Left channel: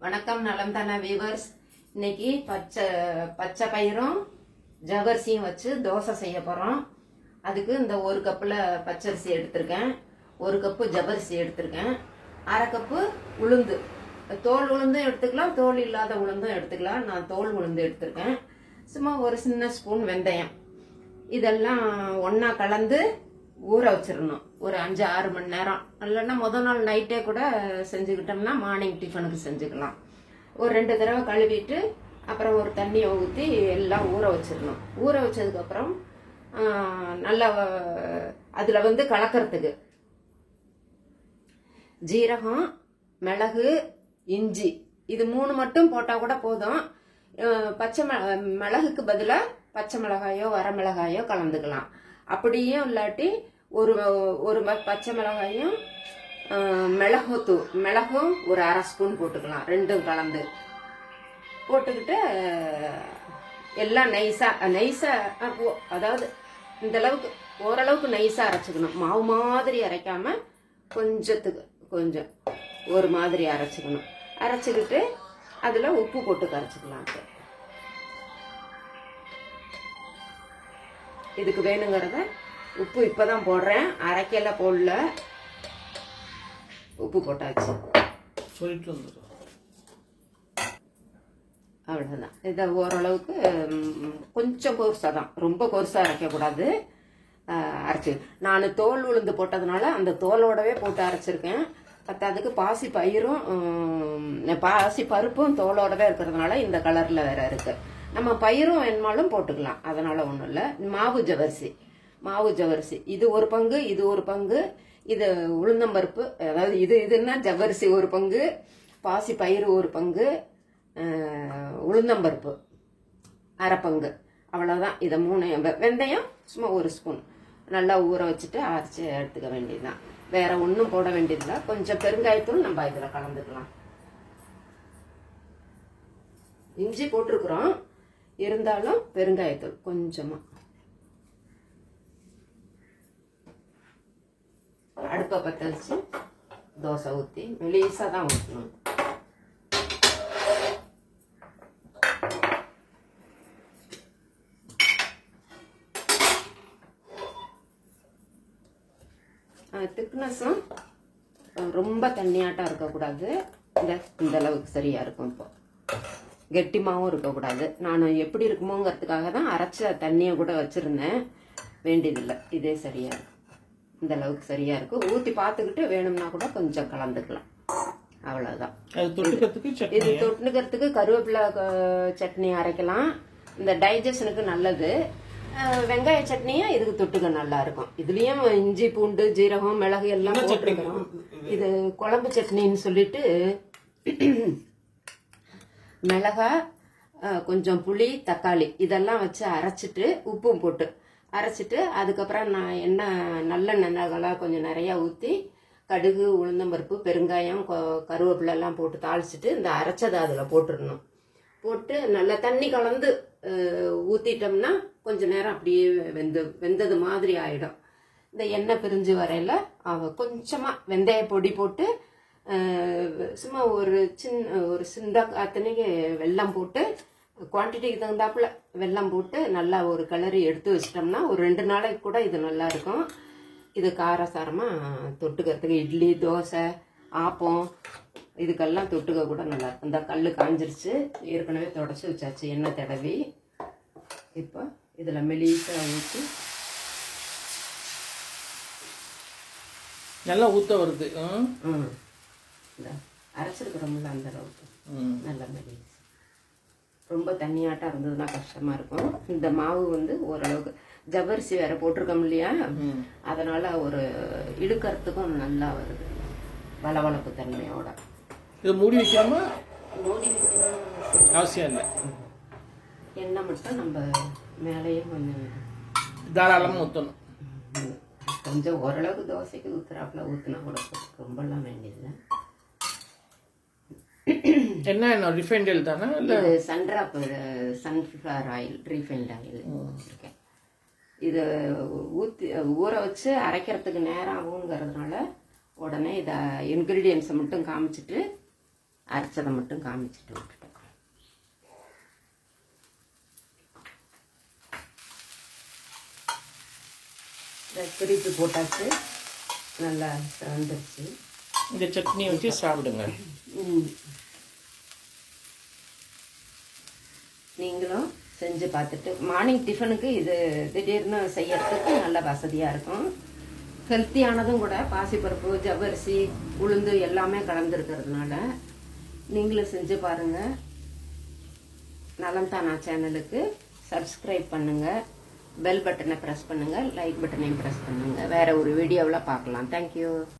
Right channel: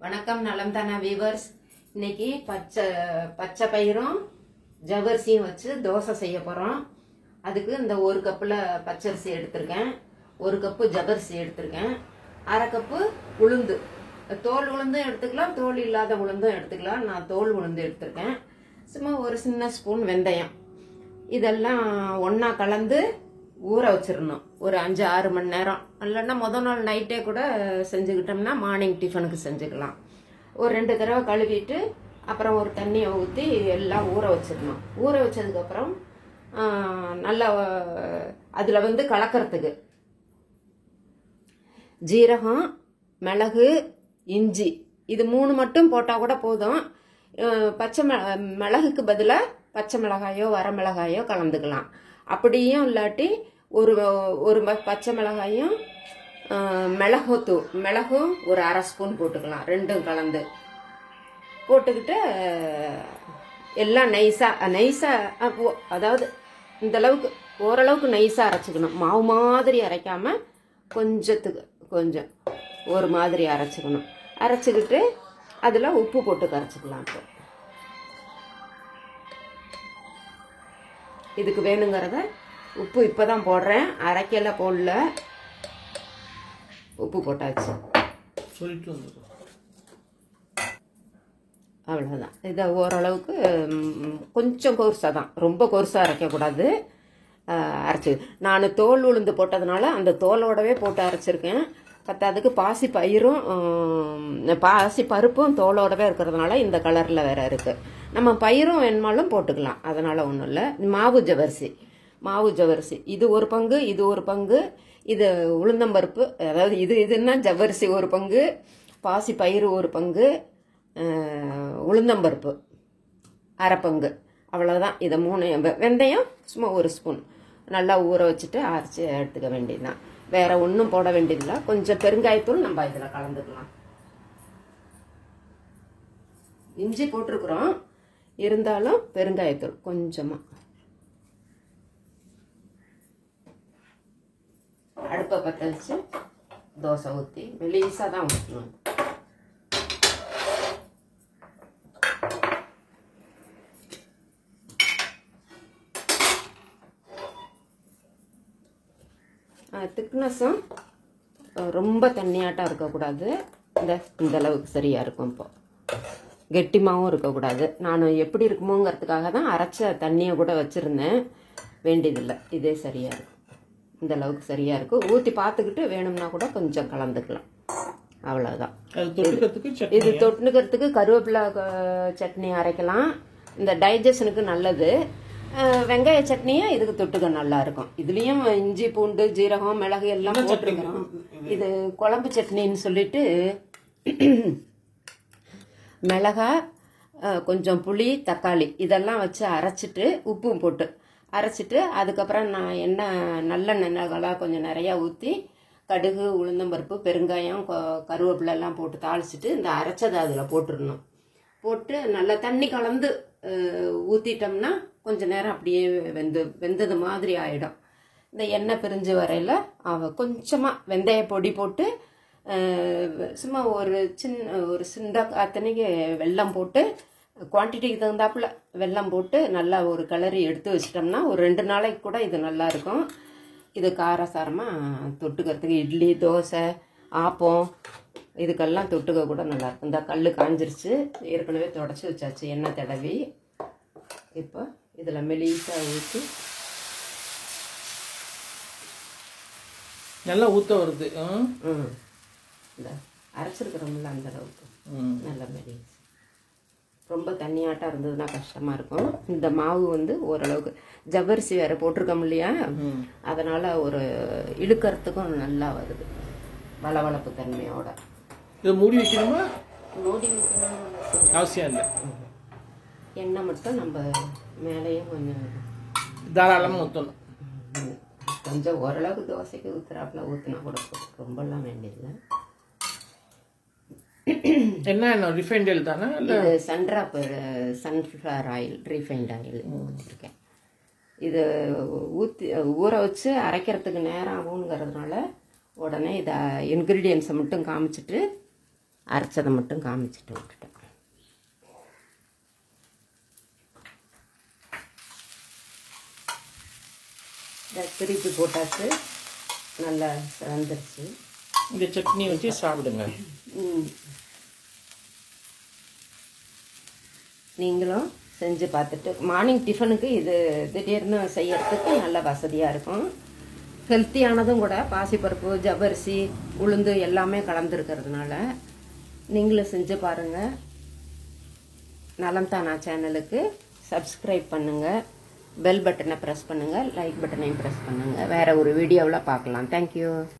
வணக்கம் நலம் தானா வியூவர்ஸ். இன்னைக்கு பச்சை பயிரும் ஜவ்வரிசியும் வச்சு தோசை செய்ய போறோம். அதுக்கு இந்த ஒரு கப்புல பச்சரிசி எடுத்திருக்கேன், ஒரு கப்பு ஜவ்வரிசி எடுத்திருக்கேன், அரை கப்பு உளுந்து, தோல் உளுந்தும் எடுத்துக்கலாம், தோல் இல்லாத உளுந்தும் எடுத்துக்கலாம். நான் தோல் உளுந்து எடுத்திருக்கேன். சும்மா ஒரு சின்ன ஸ்பூன் வெந்தயம், இதெல்லாம் ஒன்னா கலந்து ஊற வச்சிடணும் ஒரு 5-6 மணி நேரம். இல்லைன்னா முதல் நாள் நைட்டே கூட செஞ்சுக்கிட்டோம்னா மார்னிங் டிஃபனுக்கு செஞ்சுக்கலாம். ஒரு 2 தடவை கழுவிட்டு அப்புறம் ஒரு தண்ணியை ஊற்றி எல்லாம் ஊற வச்சிடணும். ஊற வச்சதுக்கு அப்புறம் நல்லா அதுல கலக்கிறதுக்கு ஜீரகம், மிளகு, இஞ்சி இது 3 மட்டும் போட்டா கூட போதும். பச்சை மிளகுக்கு பதிலாக பச்சை மிளகாயோ வரமிளகாயோ கலந்துக்கலாம். அப்படியும் இல்லாட்டி ஒரு பச்சை மிளகாயும் மிளகும் ஒரு அரை ஸ்பூன் போட்டுக்கலாம். ரெண்டும் கலந்து போட்டுக்கிட்டு எல்லாம் நைஸா அதாவது இந்த அளவுக்கு ஓரளவுக்கு நைஸா அரைச்சுக்கணும். மாவு மாதிரி அரைக்காம கொஞ்சம் ஒரு மாதிரி அரைச்சுக்கணும். அரைச்சுக்கிட்டு அதுல உப்பு போட்டு கரைச்சிக்கலாம். இதுக்கு வேணுங்கிறத உப்பு இப்பதான் போடுறேன், அரைக்கல போடல, உப்பு போட்டாச்சு. அவ்வளவுதான். இதை ஓரளவுக்கு கொஞ்சம் கொருசா தான், ரொம்ப கொருசா அரைக்க கூடாது. அரைச்சு நான் தோல் உளுந்து போட்டதுனால அந்த தோலோடவே போட்டு அரைச்சிருக்கேன். பத்தாவதுக்கு பாசி பருப்பும் தோலோடவே இருக்கிறதுனால இந்த கலர்ல வேற இருக்கு. நம்ம பயிரும் வேணுமாலும் போட்டுக்கலாம், அதனால ஒண்ணும் இல்ல. மாவு ஜவ்வரிசி இது ஒரு பங்கு, இது ஒரு பங்கு. இது உளுந்தம்பருப்பு, அதாவது இதுன்னா ஜவ்வரிசி ஒரு பங்கு, பாசி பயிறு ஒரு பங்கு, உளுந்தம்பருப்பு அரை பங்கு. அவ்வளவுதான். இதை 3 வெந்தயம் சும்மா ஒரு ஸ்பூன் நல்லா ஊற வச்சுட்டு அரைச்சி எடுத்துக்க வேண்டியதுதான். வேற ஒன்றும் போட வேண்டியதில்லை. கொஞ்சம் பெருங்காயத்தூள் நம்ம இதுல கலந்துக்கலாம். இஞ்சி போட்டிருக்கிறோம், இருந்தாலும் பெருங்காயத்தூள் கொஞ்சமா. அடுப்பை பற்ற வச்சு தோசை ஊத்தி மெலிசா தான் ஊற்றணும். திக்னஸும் ரொம்ப தண்ணியாட்டம் இருக்கக்கூடாது, இந்த அளவுக்கு சரியா இருக்கும். இப்போ கெட்டிமாவும் இருக்கக்கூடாது. நான் எப்படி இருக்குமோங்கிறதுக்காக தான் அரைச்ச தண்ணியை கூட வச்சிருந்தேன், வேண்டியதில்லை. இதே சரியா இருக்கும், இந்த அளவுக்கு சரியா இருக்கும். ஊத்தி பார்த்துக்கிட்டு வேணும்னா கூட கொஞ்சம் கலந்துக்கலாம். அவ்வளவுதான். இது தொட்டுக்கிறதுக்கு கருவேப்பிலை சட்னி அரைக்கலாம், இந்த டைஜஷனுக்கு நல்லது. வெங்காய சட்னியும் இதுக்கு தொட்டுக்க நல்லா இருக்கும். இதுலயும் இஞ்சி, பூண்டு, ஜீரகம், மிளகு எல்லாம் போட்டுருக்கோம். இது குழம்பு சட்னின்னு சொல்லிட்டு மிளகா, கொஞ்சம் புளி, தக்காளி இதெல்லாம் வச்சு அரைச்சிட்டு உப்பும் போட்டு அரைச்சிட்டு அதுக்கப்புறம் நான் நல்லெண்ணெய் கொஞ்சம் நிறைய ஊற்றி கடுகு, உளுந்தம்பருப்பு, பெருங்காயம், கருவேப்பிலை எல்லாம் போட்டு தாளிச்சிட்டு இந்த அரைச்சதை அதுல போட்டுடணும். போட்டு நல்லா தண்ணி கலந்து ஊத்திட்டோம்னா கொஞ்ச நேரம் அப்படியே வெந்தது மாதிரி ஆயிடும். இந்த எண்ணெய் பிரிஞ்சு வரையில கொஞ்சமா வெந்தய பொடி போட்டு சும்மா ஒரு சின்ன அத்தனைக்கு வெல்லம் போட்டு குவான்டிட்டிக்கு தகுந்தாப்புல வெல்லம் போட்டு நல்லா ஒரு கிளறி எடுத்து வச்சிட்டோம்னா ஒரு 2 நாளைக்கு கூட இது நல்லா இருக்கும். இது காரசாரமா தொட்டுக்கிறதுக்கு இட்லி, தோசை, ஆப்பம் இதுக்கெல்லாம் தொட்டுக்க கூட நல்லா இருக்கும். இந்த கல்லு காஞ்சிருச்சு, ஏற்கனவே தொடச்சி வச்சாச்சு எண்ணெய் தடவி. இப்போ இதுல மெலிசா ஊற்றி நல்லா ஊத்த வருது. அரைச்சிருக்கிறோம்ல அந்த அளவுக்கு நல்ல மெலிசா. ரொம்ப தண்ணியாட்டா இருந்ததுன்னா கஷ்டமா இருக்கும். இந்த மாவு ஓரளவுக்கு ஜவ்வரிசி வேற போட்டிருக்கோம் இல்லையா, அதனால ஒரு இழுக்கிறதுக்கும் நல்லா வருது, வளவளப்பு தன்மையோட. இது மூடி வைக்கணுமா? மூடி வைக்கணும் அவசியம் இல்லை. எண்ணெய் மட்டும் நம்ம மேலேயும் கொஞ்சம் தாராளமா ஊற்றணும். கொஞ்சம் ஓரளவுக்கு தோசைக்கு ஊத்துறாப்புல ஊத்துனா கூட ரொம்பலாம் வேண்டியதில்லை. என்ன ரிஃபைண்ட் ஆயில் தானே? சன்ஃபிளவர் ஆயில், ரீஃபைண்ட் ஆயில் ஊற்றிருக்கேன். இது ஊற வச்சு அரைக்கிறதுக்கு நேரம் ஆகுங்கிறதுனால உடனே இதை இன்க்ரீடியன்ஸை மட்டும் காமிச்சிட்டு அரைச்சதை மட்டும் காமிச்சிட்டு விட்டுட்டேன். திருப்பி போட்டாச்சு, நல்லா வந்துருச்சு. இந்த சட்னி வச்சு சாப்பிடுங்க. நீங்களும் செஞ்சு பார்த்துட்டு மார்னிங் டிஃபனுக்கு இது திடீர்னு செய்யறதுக்கு நல்ல வசதியாக இருக்கும். ஹெல்த்தியானதும் கூட, பாசிப்பருப்பு, ஜவ்வரிசி, உளுந்து எல்லாமே கலந்துருக்கிறதுனால நீங்களும் செஞ்சு பாருங்கள். நலம் தானா சேனலுக்கு சப்ஸ்கிரைப் பண்ணுங்கள், பெல் பட்டனை ப்ரெஸ் பண்ணுங்கள், லைக் பட்டனையும் ப்ரெஸ் பண்ணுங்கள். வேற ஒரு வீடியோவில் பார்க்கலாம். தேங்க்யூ.